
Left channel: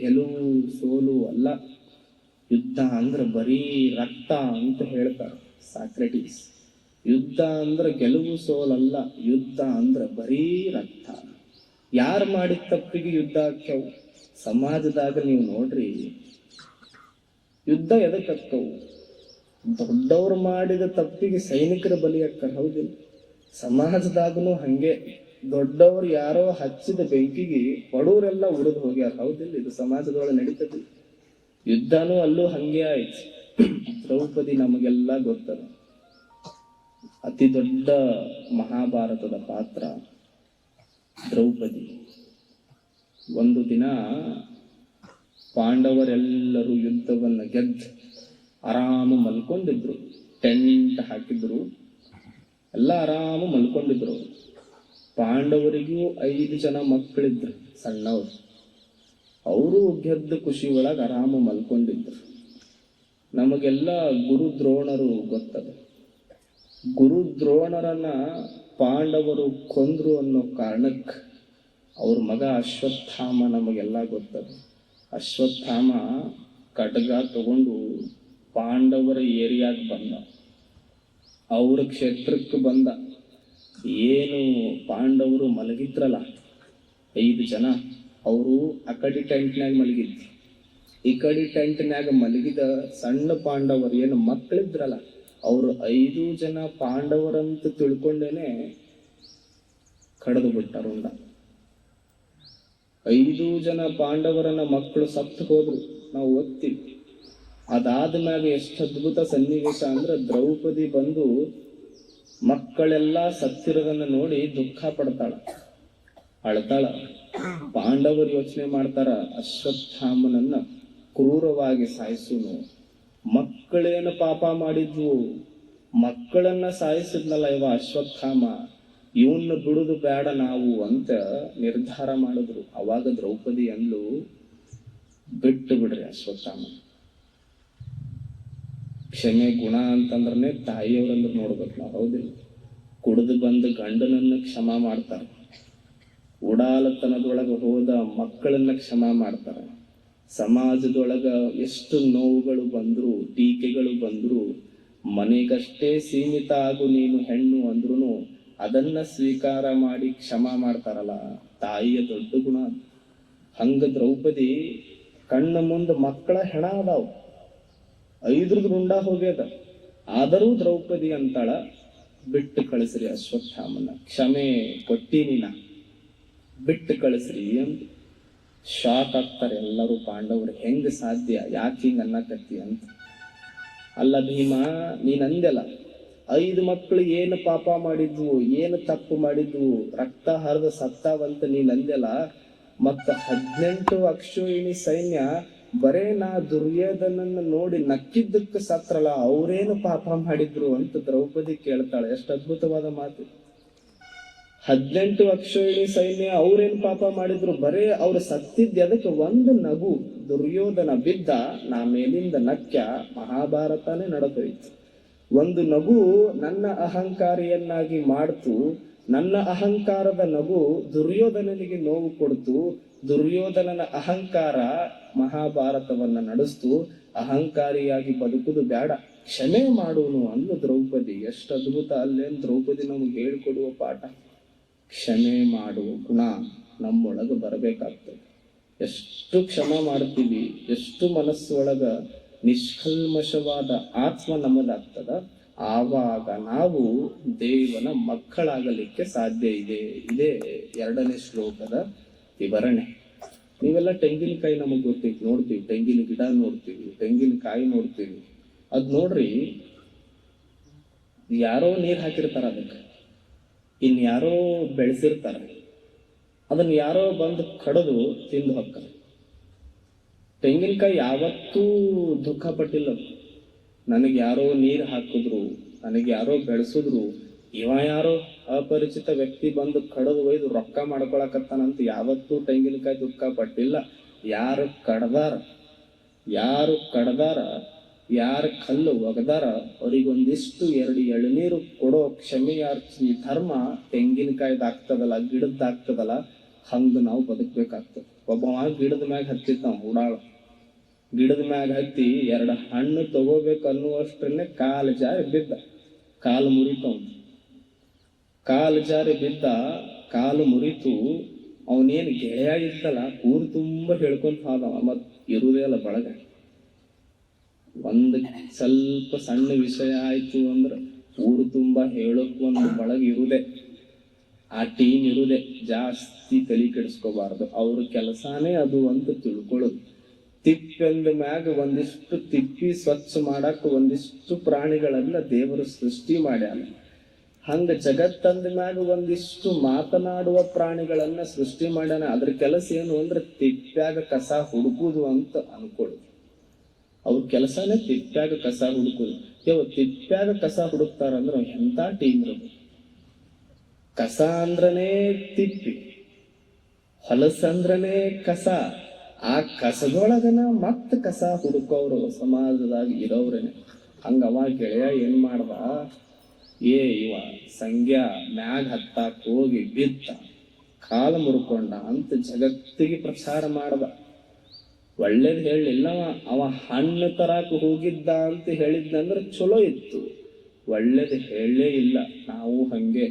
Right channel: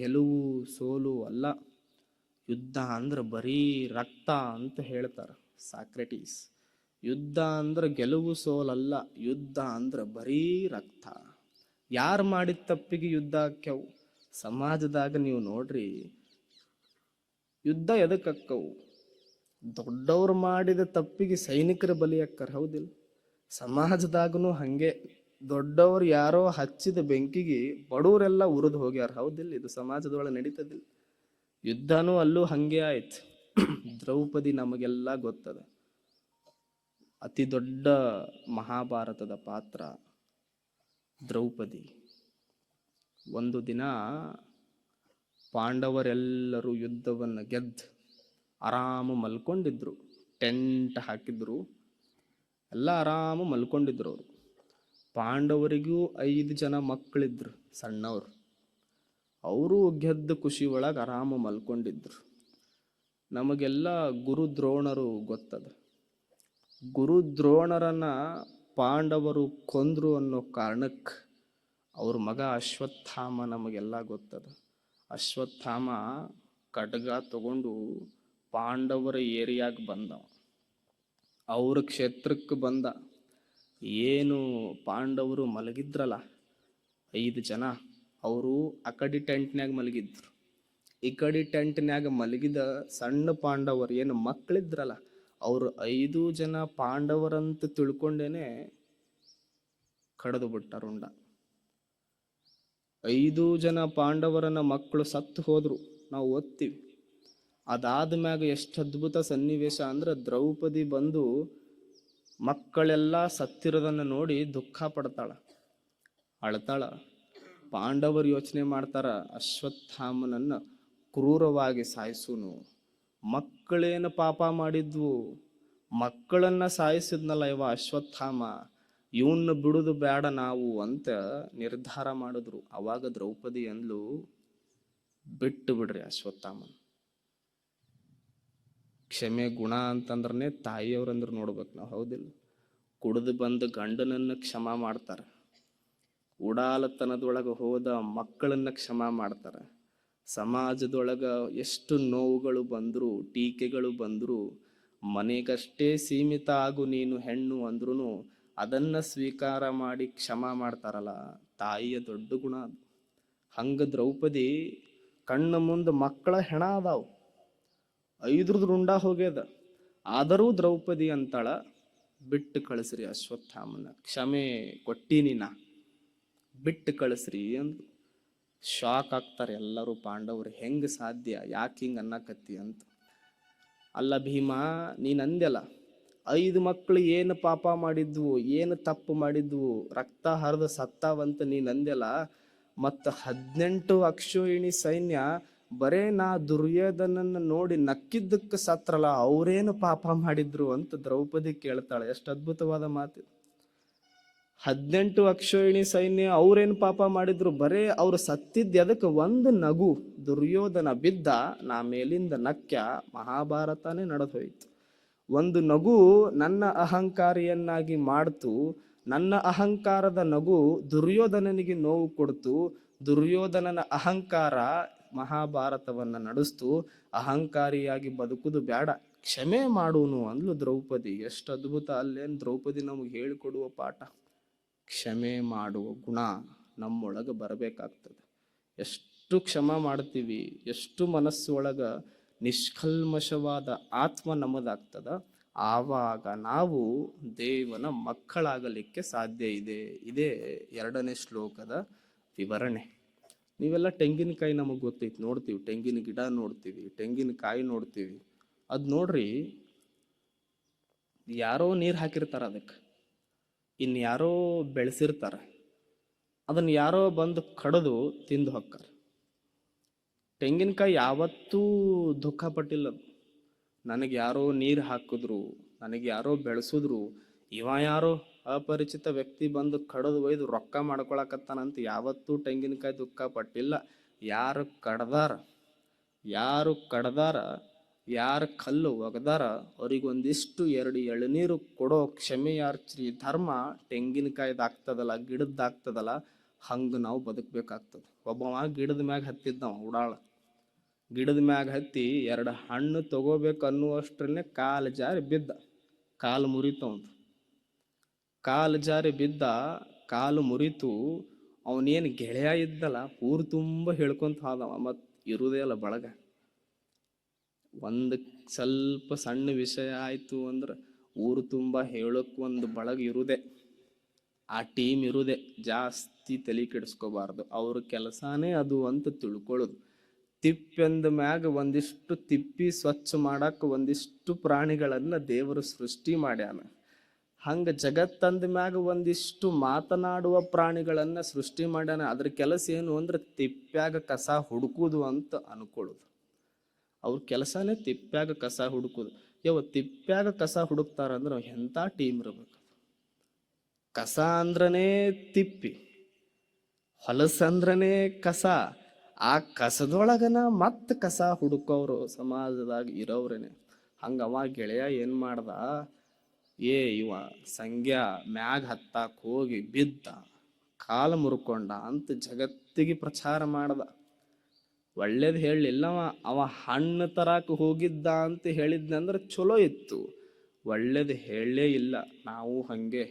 ಗೆಲುವು ಸೋಲು ಅಲ್ಲ, ಯುದ್ಧ ಅಂದ್ರೆ ಬರೀ ರಕ್ತ ಅಂತ ಹೇಳ್ತಾರೆ ಸಾಕ್ರೆಟೀಸ್. ಯುದ್ಧ ಅಂದ್ರೆ ಗೆಲುವು ಸೋಲಲ್ಲ, ಯುದ್ಧ ಅಂದ್ರೆ ಬರೀ ರಕ್ತ. ಯಾರು ಮಾಡಿದ ತಪ್ಪಿಗೆ ಯುದ್ಧ ಆಕ್ಯವು? ಸಮಾಜದಾಗ ನೀವು ನೋಡ್ರಿ, ಯುದ್ಧ ಎದಕ್ಕವು? ದೊಡ್ಡವ್ರು ಮಾಡಿದ ತಪ್ಪಿಗೆ ಸೈನಿಕರ ಬಲಿ ಅಕ್ಕ. ಹೌದಿಲ್ಲ? ಸಮಾಜದಾಗನು ಹಂಗೆ, ದೊಡ್ಡವ್ರು ಯಾರೋ ಹಚ್ಚಿದ ಬೆಂಕಿಗೆ ಬಡವರೆಲ್ಲ ಉರಿದು ಹೋಗ್ಯಾರ. ಹೌದಿಲ್ಲ? ಇದು ಸಮಾಜದೊಳಗೆ ನಡೀತದೆ. ಯುದ್ಧನೂ ಅಲ್ಲೂ ಹಂಗೆ ಆಯ್ತು. ದ್ರೌಪದಿ ನಮಗೆಲ್ಲ ಗೊತ್ತದ, ಅತಿ ದೊಡ್ಡ ಮಹಾಭಾರತದ ಪಾತ್ರ ದ್ರೌಪದಿ. ಒಂದು ದಿನ ಪಾಂಡವರೆಲ್ಲರೂ ಯುದ್ಧವನ್ನು ಗೆದ್ದು ಆರಾಮ ಮಲ್ಕೊಂಡಿದ್ರು. ಟೆಂಟ್ ಹಾಕಿದ್ರು, ಎಲ್ಲ ಆರಾಮ ಮಲ್ಕೊಂಡಿದ್ರು. ಪಾಂಡವರಿಗೂ 5 ಜನ ಮಕ್ಕಳಿದ್ರು ಸಣ್ಣವರು. ಅವರು ಗೆದ್ದ ಖುಷಿ ಒಳಗೆ ಆರಾಮ ಮಲ್ಕೊಂಡಿದ್ರು. ನಮಗೆಲ್ಲ ಗುರು ದ್ರೋಣರು ಗೊತ್ತದ. ಗುರು ದ್ರೋಣರನ್ನ ಪಾಂಡವರು ಕೊಂದ್ರು ಅನ್ನೋ ಕಾರಣಕ್ಕೆ ಅವ್ರ ಮಗ ಅಶ್ವತ್ಥಾಮ ನಮಗೆಲ್ಲ ಗೊತ್ತದ. ಅಶ್ವತ್ಥಾಮ ಖಡ್ಗ ತಗೊಂಡು ಪಾಂಡವರ ಏರಿಯಾಗ ಬಂದ, ಅವ್ರ ಕ್ಷೇತ್ರಕ್ಕೆ ಬಂದ. ಏನು ಪಾಂಡವರು ಮಲಗಿದ್ರಲ್ಲ 5 ಜನ, ಅವರು ಆ ಕಡೆ ಟೆಂಟ್ನ್ಯಾಗ ಮಲಗಿದ್ರು. ಈ ಕಡೆ ಟೆಂಟ್ನ್ಯಾಗ ಮಲಗಿದ ಸಣ್ಣ ಪಾಂಡವರು ಏನು ಮಕ್ಕಳಿದ್ರಲ್ಲ, ಅವರು 5 ಜನ ಪಾಂಡವರಂತ ತಿಳ್ಕೊಂಡೇನೆ ಕಳೆದು ಬಿಟ್ಟಾರುಂಡ. 5 ಜನ ಪಾಂಡವರನ್ನ ಮಕ್ಕಳು ಸತ್ತು ಹೋದ್ರು, ನಾವು ಓದ್ತೀವಿ. ಅದಾದ ಮ್ಯಾಗ ಎಷ್ಟು ಅದ್ಭುತ ಸನ್ನಿವೇಶ ಅಂದ್ರೆ, ದ್ರೌಪದಿ ಬಂದು ಮಕ್ಕಳೆಲ್ಲ ಸತ್ತಿರೋದನ್ನ ನೋಡಿ ದುಃಖ ಪಡ್ತಾಳ, ಅಳ್ತಾಳ. ಪಾಂಡವರು ಯೋಚನೆ ಮಾಡ್ತಾರ, ಅಶ್ವತ್ಥಾಮನನ್ನ ಕ್ರೂರವಾಗಿ ಸಾಯಿಸುನು. ಮಕ್ಕಳೇನು ಪಾಪ ಮಾಡಿದ್ವು, ಮಕ್ಕಳನ್ನ ಸಾಯಿಸಿದ್ನಲ್ಲ ಇವ ಅಶ್ವತ್ಥಾಮ, ಇವನ್ನ ಬಿಡುದು ಬೇಡ ನಾವು ಅಂತ ನಿರ್ಧಾರ ಮಾಡಿದ್ರು. ಅವಾಗ ದ್ರೌಪದಿ ಅಂದ್ಲು, ಬಿಟ್ಟು ಬಿಡ್ರಿ ಅಶ್ವತ್ಥಾಮ. ಕ್ಷಮೆ ಗುಣ ಅಂತಂದ್ರೆ ತಾಯಿಯವ್ರಂದ್ರೆ ನೋಡ್ಬೇಕು ನಾವು, ಹೌದಿಲ್ಲ? ಕುಡಿದು ಬಂದು ಗಂಡನನ್ನ ಕ್ಷಮ ಮಾಡ್ತಾರೆ, ಉಡಾಲತನದೊಳಗೆ ಹೋದ ಮಕ್ಕಳನ್ನ ಕ್ಷಮ ಮಾಡ್ತಾರೆ. ಸಮಾಜದೊಳಗ ಎಷ್ಟು ನೋವುಗಳು ಬಂದ್ರು, ಟೀಕೆಗಳು ಬಂದ್ರು, ಮನೆಗಷ್ಟೇ ಸೀಮಿತ ಆಗು ನೀನು ಹೆಣ್ಣು ಅಂದ್ರೂ ಅದನ್ನ ಸ್ವೀಕಾರ ಮಾಡಿ ಕ್ಷಮ ಮಾಡ್ತಾರಲ್ಲ, ತಾಯಿಯ ದೊಡ್ಡ ಗುಣ. ಹಂಗ ದ್ರೌಪದಿ ಕಣ್ಣ ಮುಂದೆ ಮಕ್ಕಳ ಹೆಣ ಅದಾವ, 5 ರುಂಡ ಹೋಗ್ಯದ, ಆದರೂ ದ್ರೌಪದಿ ಅಂತಾಳ, ಬಿಟ್ಟು ಕಳಿಸ್ರಿ ಅಶ್ವತ್ಥಾಮನ, ಕ್ಷಮೆ ಕೊಟ್ಟೀನಿ ನಾ, ಬಿಟ್ಟು ಕಳಿಸ್ರಿ ಅಂತ. ಶಾಕ್ ಆಗ್ತಾರೆ ಎಲ್ಲರೂ ಪಾಂಡವರು, ಹೆಂಗ ಸಾಧ್ಯ, ಯಾಕೆ ಹಿಂಗ ಅನ್ನಕತ್ತಿ ಅಂತ. ಅಲ್ಲ ಭೀಮ, ನೀನ್ ಅಂದ್ಯಲ್ಲ 5 ಮಕ್ಕಳು ಏನು ಪಾಪ ಮಾಡಿದ್ವು, ಏನು ತಪ್ಪು ಮಾಡಿದ್ವು, ರಕ್ತ ಹರಿದು ಸತ್ತಾವಂತ ನೀನ್ ಅಂದ್ಯಲ್ಲ, ಮತ್ತ 18 ಅಕ್ಷೋಹಿಣಿ ಸೈನ್ಯ ಬರೇ ನಾ ದುರ್ಯೋಧನನ್ನ ನೋಡಿ ನಕ್ಕಿದ್ದಕ್ಕೆ ಸತ್ರಲ್ಲ, ಅವ್ರೇನು ಪಾಪ ಮಾಡಿದ್ರು ಅಂತ ದ್ರೌಪದಿ ಕೇಳ್ತಾಳೆ. ಎಷ್ಟು ಅದ್ಭುತವಾದ ಮಾತು. 18 ಅಕ್ಷೋಹಿಣಿ ಸೈನ್ಯ ಅವ್ರೇನು ಪಾಪ ಮಾಡಿದ್ರು, ಬರೇ ಅವ್ರು ಸತ್ತಿದ್ದ ಅದಕ್ಕೆ ಒಂದು ನಗು ದುರ್ಯೋಧನ ಬಿದ್ದ, ನಾ ಮೇಲಿಂದ ನಕ್ಯ, ಮಹಾಭಾರತನೇ ನಡೆದೋಯ್ತು. ಒಂದು ನಗು ನನ್ನ ಅಹಂಕಾರಿಯನ್ನಾಗಿ ಮಾಡ್ತು, ನನ್ನ ಅಹಂಕಾರದ ನಗು ದುರ್ಯೋಧನನಿಗೆ ನೋವು ಕೊಡ್ತು, ದುರ್ಯೋಧನನ ಅಹಂಕಾರ ಮಹಾಭಾರತವನ್ನ ನಡೆಸ್ತು. ಅಹಂಕಾರಿಯಾಗಿ ಬದುಕುದು ಬೇಡ, ಕ್ಷಮೆ ಮಾಡುವನು ಅಂದ್ಲು ದ್ರೌಪದಿ. ಎಷ್ಟು ಅದ್ಭುತ ಅಲ್ಲೇನು ದ್ರೌಪದಿ ನಮ್ಗೆ ಹೇಳ್ಕೊಡುವ ಪಾಠ. ಕ್ಷಮೆ ಮಾಡುವ ಗುಣ ನಮ್ಮೊಳಗೆ ಬರಬೇಕಾಗ್ತದೆ. ಎಷ್ಟು ಕ್ಷಮ ಮಾಡ್ತೀವಿ, ಎಷ್ಟು ಮನಸ್ಸು ಒಳಗ ನಿಷ್ಕಲ್ಮಶವಾದ ಆತ್ಮ ನಮ್ಮದಾಗ್ತದ, ಆವಾಗ ನಾವು ದೇವನ ಮಕ್ಕಳಾಗಲಿಕ್ಕೆ ಸಾಧ್ಯ ಇದೆ. ಇದೇ 2ನೇ ಶ್ಲೋಕದ ವಿವರಣೆ. ನೀವೆಲ್ಲ ತೆಂಗಿನಕಾಯಿ ನಮಗ್ ಗೊತ್ತೈತಿ, ನೋಡ್ತೀವಿ, ತೆಂಗಿನ ಗಿಡ ನೋಡ್ತೀವಿ, ತೆಂಗಿನಕಾಯಿ ನೋಡ್ತೀವಿ. ಅದ್ ನೋಡ್ರಿ, ಯಾರೋ ನೀರ್ ಹಾಕಿರ್ತಾರ ಅದಕ್ಕೆ, ಇನ್ ಯಾರೋ ಬೆಳೆಸಿರ್ತಾರ, ಅದನ್ನ ಯಾರೋ ಬಂದು ಕಡದು ತಿಂದು ಹೋಗ್ತಾರೆ. ತೆಂಗಿನಕಾಯಿ ಯಾವತ್ತೂ ದುಃಖ ಪಟ್ಟಿಲ್ಲ, ನನಗೆ ಯಾರೋ ನೀರು ಹಾಕಿದ್ರು, ನನಗೆ ಯಾರೋ ಬೆಳೆಸಿದ್ರು, ಇವ ಯಾರೋ ಅಪರಿಚಿತ ವ್ಯಕ್ತಿ ಬಂದು ಕಡದು ಒಯ್ದು ರೊಕ್ಕ ಮಾಡ್ಕೊಳಕತ್ತಾನಂತ ಯಾವತ್ತೂ ತೆಂಗಿನಕಾಯಿ ದುಃಖ ಪಟ್ಟಿಲ್ಲ. ಯಾರು ಕಡ್ದಾರ, ಯಾರು ಕಲ್ಲು ಒಗದಾರ, ಅವ್ರಿಗೊಂದಿಷ್ಟು 2 ಎಳನೀರು ಕೊಡೋ ಕ್ಷಮೆಯಾರ್ಚಿ ಧರ್ಮ ತೆಂಗಿನಕಾಯ್ದಾಗ್ತದಲ್ಲ, ಗಿಡದ್ದಾಗ್ತದಲ್ಲ, ಹಂಗ ನಾವು ಬದುಕ್ಬೇಕಾಗ್ತದೆ. ಒಬ್ಬವ ಗಿಡದ ಮ್ಯಾಗ ಹತ್ತಿದ್ ನಾವು ಮೂಡಾಳ, ಗಿಡದ ಮ್ಯಾಗ ಹತ್ತಿ 2 ಹಣ್ಣು ತಗೋಬೇಕು ಅನ್ನುವಷ್ಟನ್ನೇ ಕಾಲು ಜಾರಿ ಬಿದ್ದ, ಕಾಲು ಮುರಿತು. ಕಾಲು ಜಾರಿ ಬಿದ್ದ, ಕಾಲು ಮುರಿತು. ಅವನೇನು ಗೆಳೆಯ ಇದ್ದಲ್ಲ, ಊರು ತುಂಬ ಹೇಳ್ಕೊಂತ ಹೋದವ, ಮತ್ ಇರುದೇ ಅಲ್ಲ ಬಳಗ. ಒಂದು ಸ್ವಲ್ಪ ಸಣ್ಣ ವಿಷಯ ಆಯ್ತು ಅಂದ್ರೆ ಊರು ತುಂಬಾ ಹೇಳೋಕ್ ಒಂದು ಬಳಗ ಇರುದೇ, ಆ ಟೀಮ್ ಇರುದೇ. ಜಾಸ್ತಿ ತಲೆ ಕೆಡಿಸ್ಕೋಬಾರ್ದು, ಅವ್ರ ಕೆಲಸಾನೇ ಅದು ಅಂತ ತಿಳ್ಕೊಳ್ಳೋದು. ತಿಪ್ಪೆಂದ ಮ್ಯಾಗ ಒಂದಿಷ್ಟು ತಿಪ್ಪಿ ಸ್ವಚ್ಛ ಮಾಡಾಕ ಒಂದಿಷ್ಟು ಪ್ರಾಣಿಗಳನ್ನ ದೇವರು ಸೃಷ್ಟಿ ಮಾಡ್ಯಾನ. ಹಂಗ ಜಗತ್ತಂದ ಮ್ಯಾಗ ಒಂದಿಷ್ಟು ಮಾತನಾಡುವ ಪ್ರಾಣಿಗಳನ್ನ ಸೃಷ್ಟಿ ಮಾಡ್ಯಾನ. ಅದ್ರ ಕೆಲಸ ಏನು ಅಂದ್ರೆ ತಿಪ್ಪ್ಯಾಗ ಕಸ ಹುಡುಕುದು ಅಂತ ಅನ್ಕೊಳ್ಳೋದು. ಅವ್ರ ಕೆಲಸನೇ ತಿಪ್ಪ್ಯಾಗ ಕಸ ಹುಡುಕುದು. ತಿಪ್ಪ್ಯಾಗ ಕಸ ಹುಡುಕ್ತಾರಂದ್ರೆ ಎಂತ ಟೀಮ್ ಇರ್ಬೇಕು. ಕಸ ಅಂದ್ರನೇ ತಿಪ್ಪಿ, ಹೊಲಸಂದ್ರನೇ ಕಸ. ಆ ಕಸದೊಳಗನ ಮತ್ತ ಕಸ ಹುಡುಕೋರು ಸಮಾಜದಾಗ ಇರೋವ್ರೇನೆ. ಹಂಗ ಅವ ಗೆಳೆಯ ಏನ್ ಮಾಡ್ದ, ಇವ ಸಂಗ್ಯಾ ಮ್ಯಾಗ ಹತ್ತಾಕ್ ಹೋಗಿ ಬಿತ್ತ, ಕಾಲು ಮುರ್ಕೊಂಡ ಅಂತ ಜಗತ್ತಿಗೆ ಪ್ರಚಾರ ಮಾಡ್ದ. ಒಳ್ಳೇದ್ ಹೇಳಿಲ್ಲವ, ಅವ ಹಣ್ಣು ತರಾಕ ಹೋಗಿದ್ದ ಅಂತ ಹೇಳಿದ್ನಂದ್ರೆ ಚಲೋ ಇತ್ತು. ಒಳ್ಳೇದ್ ಹೇಳೇ ಇಲ್ಲ. ನಾವು ಹಂಗೆ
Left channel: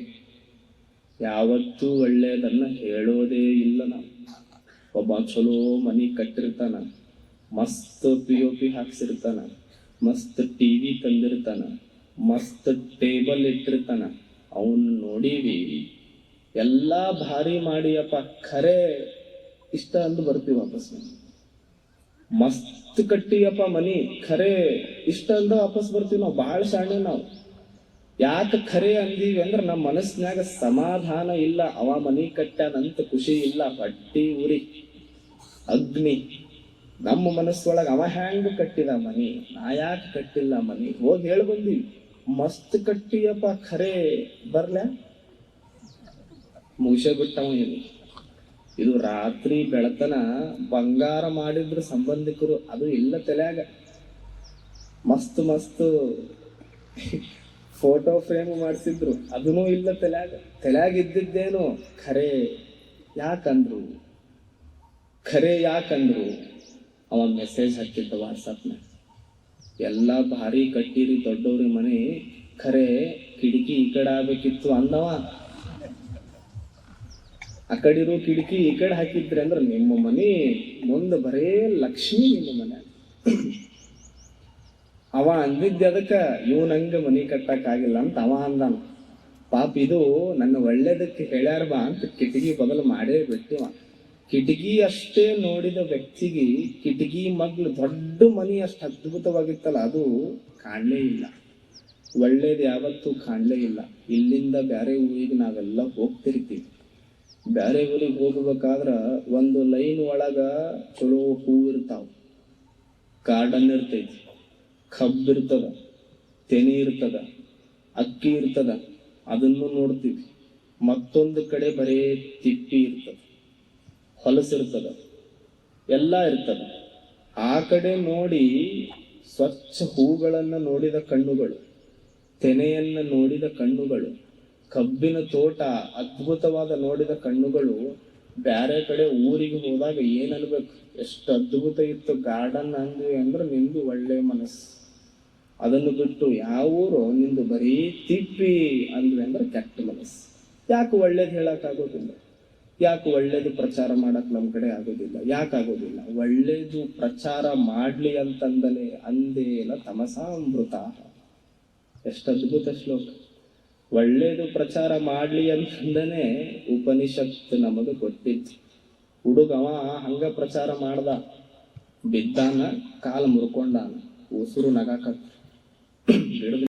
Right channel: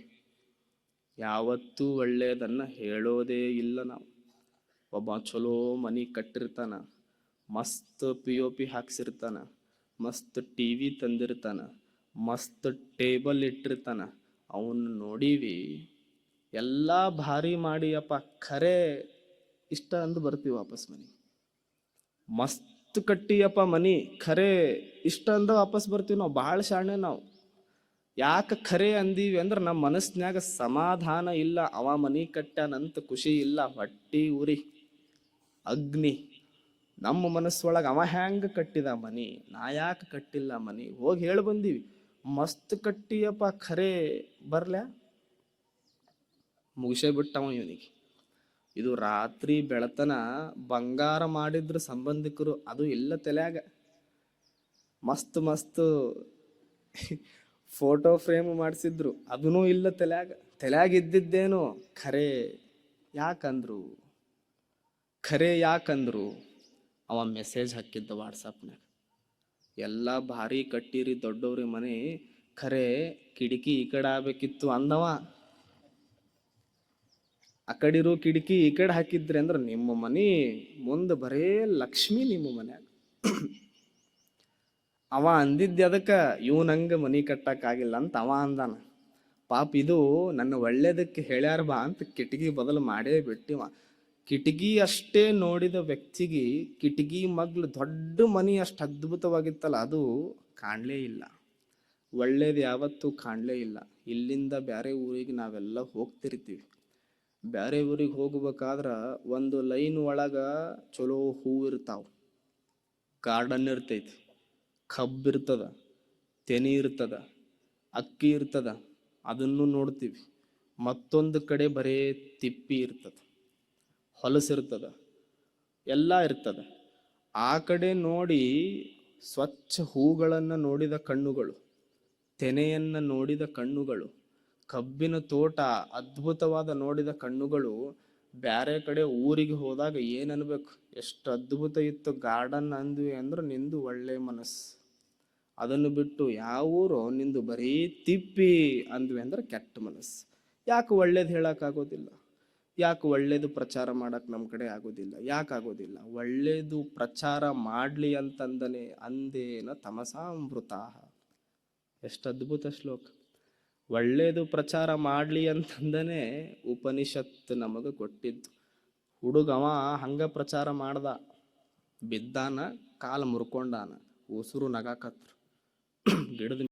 ಯಾವತ್ತೂ ಒಳ್ಳೇದನ್ನ ಹೇಳೋದೇ ಇಲ್ಲ ನಾವು. ಒಬ್ಬ ಚಲೋ ಮನಿ ಕಟ್ಟಿರ್ತಾನ, ಮಸ್ತ್ POP ಹಾಕ್ಸಿರ್ತಾನ, ಮಸ್ತ್ TV ತಂದಿರ್ತಾನ, ಮಸ್ತ್ ಟೇಬಲ್ ಇಟ್ಟಿರ್ತಾನ. ಅವನ್ ನೋಡೀವಿ, ಎಲ್ಲಾ ಭಾರಿ ಮಾಡಿಯಪ್ಪ, ಖರೆ ಇಷ್ಟ ಅಂದು ಬರ್ತೀವಿ ವಾಪಸ್ ಮನೆ. ಮಸ್ತ್ ಕಟ್ಟಿಯಪ್ಪ ಮನಿ, ಖರೆ ಇಷ್ಟ ಅಂದ ವಾಪಸ್ ಬರ್ತೀವಿ ನಾವು. ಬಹಳ ಶಾಣೆ ನಾವು. ಯಾಕೆ ಖರೆ ಅಂದೀವಿ ಅಂದ್ರೆ ನಮ್ಮ ಮನಸ್ಸಿನಾಗ ಸಮಾಧಾನ ಇಲ್ಲ. ಅವ ಮನಿ ಕಟ್ಟ್ಯಾನಂತ ಖುಷಿ ಇಲ್ಲ, ಬಟ್ಟಿ ಉರಿ ಅಗ್ನಿ. ನಮ್ಮ ಮನಸ್ಸೊಳಗ ಅವ ಹ್ಯಾಂಗ ಕಟ್ಟಿದ ಮನಿ, ನಾ ಯಾಕೆ ಕಟ್ಟಿಲ್ಲ ಮನಿ. ಹೋಗಿ ಹೇಳಿ ಬಂದೀವಿ, ಮಸ್ತ್ ಕಟ್ಟಿಯಪ್ಪ ಖರೆ ಬರ್ಲ. ಮುಗಿಸೇ ಬಿಟ್ಟವ ಇದು ರಾತ್ರಿ ಬೆಳತನ ಬಂಗಾರ ಮಾಡಿದ್ರು ಸಂಬಂಧಿಕರು, ಅದು ಇಲ್ಲ ತಲೆಯಾಗ. ಮಸ್ತ್ ಮಸ್ತ್ ಫೋಟೋ ಫ್ರೇಮ್ ಮಾಡಿಸಿದ್ರು, ಅದನ್ನೂ ಇಲ್ಲ ತಲೆಯಾಗ ಇದ್ದಿದ್ದೇನು ಖರೆ ಯಾಕಂದ್ರು ಅವ ಮೆಸೇಜ್ ಹಾಕಿದ್ದ ವಾಟ್ಸಪ್ನ. ಎಲ್ಲ ಭಾರಿ ಕಟ್ಟಿರಿ ದೊಡ್ಡವ್ರಿ ಮನೆ, ಖರೆ ಕಿಟಕಿ ಈ ಕಡೆ ಆಗ್ಬೇಕಿತ್ತು ಅಂದವ. ಆ ಕಡಿರು ಕಿಟಕಿ ಈ ಕಡೆ ಹಾಕಿದ್ರಿ ಅಂದ್ರ ನಿಮ್ಮ ಮನೆ ಮುಂದೆ ಬರೇ ಲಕ್ಷ್ಮಿ ನಿಮ್ಮ ಮನೆ. ಅವ ಅಂದಿದ್ದ ಅದಕ್ಕ ಇವನಂಗ ಮನಿ ಕಟ್ಟಕ್ ಆಗಿಲ್ಲ ಅಂತ ಅವ ಅಂದಾನ. ಪಾಪ ಇದು ನನ್ನ ಒಳ್ಳೇದಕ್ಕೆ ಹೇಳ್ಯಾರ ಬಾ ಅಂತ ಕಿಟಕಿ ಬದಲು ಮಾಡೇ ಬಿಟ್ಟಿವ. ಕಿಟಕಿ ಅಷ್ಟೇ ನೋಡಿದ ವ್ಯಕ್ತಿಗೆ ಕಿಟಕಿ ಮಗ್ಲು ದೊಡ್ಡ ಮನಿ ಅಷ್ಟು ಅದ್ಭುತವಾಗಿತ್ತಲ್ಲ, ಅದು ಕಾಣಲೇ ಇಲ್ಲ. ಒಳ್ಳೇದು ಯಾವತ್ತೂ ಕಾಣಲೇ ಇಲ್ಲ. ಇಲ್ಲಿಂದ ಬ್ಯಾರೆ ಊರಿಗೆ ನಾವೆಲ್ಲ ಹೋಗ್ತಿರ್ತೀವಿ. ಬ್ಯಾರೆ ಊರಿಗೆ ಹೋಗ್ಬೇಕಾದ್ರ ಒಂದು ಲೈನ್ ಒಳಗ ಚಲೋ ಹೂ ಇರ್ತಾವ, ಗಾರ್ಡನ್ ಇರ್ತೈತಿ, ಕಬ್ಬು ಇರ್ತದ, ತೆನಿ ಇರ್ತದ, ಅಕ್ಕಿ ಇರ್ತದ, ಅದನ್ನು ನೋಡ್ತೀವಿ. ಮತ್ತೊಂದು ಕಡೆ ಬರೇ ತಿಪ್ಪಿ ಇರ್ತದ, ಹೊಲಸಿರ್ತದ, ಎಲ್ಲ ಇರ್ತದ. ಆ ಕಡೆ ನೋಡಿ ಸ್ವಚ್ಛ ಹೂಗಳನ್ನ ನೋಡಿದ ಕಣ್ಣುಗಳು, ತೆನೆಯನ್ನ ನೋಡಿದ ಕಣ್ಣುಗಳು, ಕಬ್ಬಿನ ತೋಟ ಅದ್ಭುತವಾದ ನೋಡಿದ ಕಣ್ಣುಗಳು ಬ್ಯಾರೆ ಕಡೆ ಊರಿಗೆ ಹೋದಾಗ ಏನನ್ಬೇಕು, ಎಷ್ಟು ಅದ್ಭುತ ಇತ್ತು ಗಾರ್ಡನ್ ಅಂದ್ವಿ ಅಂದ್ರೆ ನಿಂದು ಒಳ್ಳೆ ಮನಸ್ಸು. ಅದನ್ನು ಬಿಟ್ಟು ಯಾವ ಊರು ನಿಂದು ಬರೀ ತಿಪ್ಪಿ ಅಂದ್ವಿ ಅಂದ್ರೆ ಕೆಟ್ಟ ಮನಸ್ಸು. ಯಾಕೆ ಒಳ್ಳೇದು ಹೇಳಕ್ ಆಗೋದಿಲ್ಲ? ಯಾಕೆ ಒಳ್ಳೇದು ಪ್ರಚಾರ ಮಾಡಕ್ ನಮ್ ಕಡೆ ಆಗೋದಿಲ್ಲ? ಯಾಕಾಗೋದಿಲ್ಲ? ಒಳ್ಳೇದು ಪ್ರಚಾರ ಮಾಡ್ಲಿ ಅಂತಂದನೆ ಅಂದೇನ ತಮಸಾಮೃತ. ಎಷ್ಟು ಅದ್ಭುತ ಶ್ಲೋಕ. ಒಳ್ಳೇದು ಪ್ರಚಾರ ಮಾಡ್ಲಿ ಅಂತಂದನೆ ಉಪನಿಷತ್ತು ನಮಗ ಗೊತ್ತಿತ್ತು. ಹುಡುಗವ ಹಂಗ ಪ್ರಚಾರ ಮಾಡ್ದ, ಬಿದ್ದಾನ, ಕಾಲು ಮುರ್ಕೊಂಡಾನ, ಉಸುರು ನಗಾಕತ್ತ.